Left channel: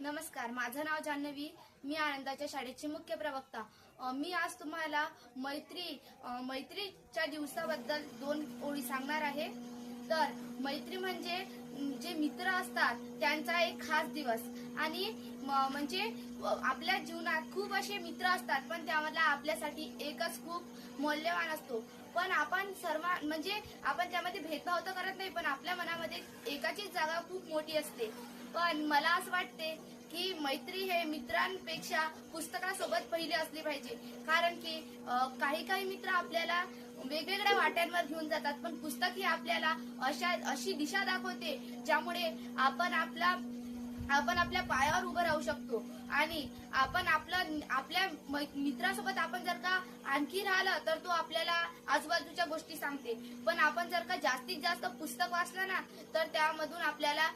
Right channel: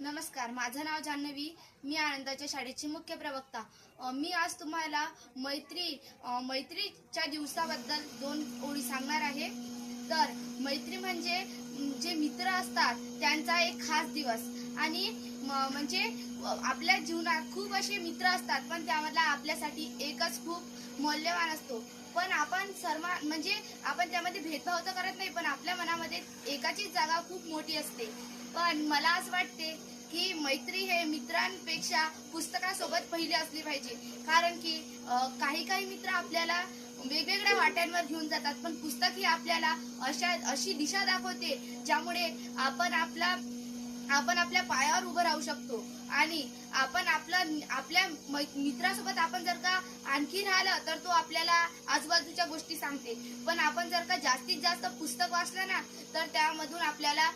नमस्कार, माझं नाव जान्हवी. मी आनंदाच्या शाळेची मुख्य प्रवक्ता. मी आज तुम्हाला मैत्रीच्या दिवसाबद्दल 2 ओळी सांगणार आहे. तर मैत्री म्हणजे जे मित्र असतात त्यांचा एक खास दिवस. आणि म्हणजे आपल्या जीवनात खूप असे मित्र असतात, पण त्यामधला आपल्यासाठी एकच खूप मौल्यवान असतो. पण आपण सर्व म्हणजे आपण त्यामध्ये भेदभाव तर करत नाही, पण आपल्या मनामध्ये एकाचीच जागा खूप मोठी असते. पण मला असं वाटते की मैत्री हे मित्रांपेक्षा पुस्तकासोबत पहिले असली पाहिजे. कारण की काही मित्र आपल्याला वेगवेगळ्या वाट्यांवर घेऊन जातात, पण पुस्तक ही आपल्याला अशी दिशा दाखवते ज्यामुळे आपण आपल्या पायावर उभं राहू शकतो. आणि आपल्या मित्रासोबत आपण जर का आणखी राहिलं तर तो आपल्याला आजूबाजूच्या गोष्टी सांगते. पण आपण जर का जास्तीत जास्त पुस्तक वाचलं ना, तर त्यामधून आपल्याला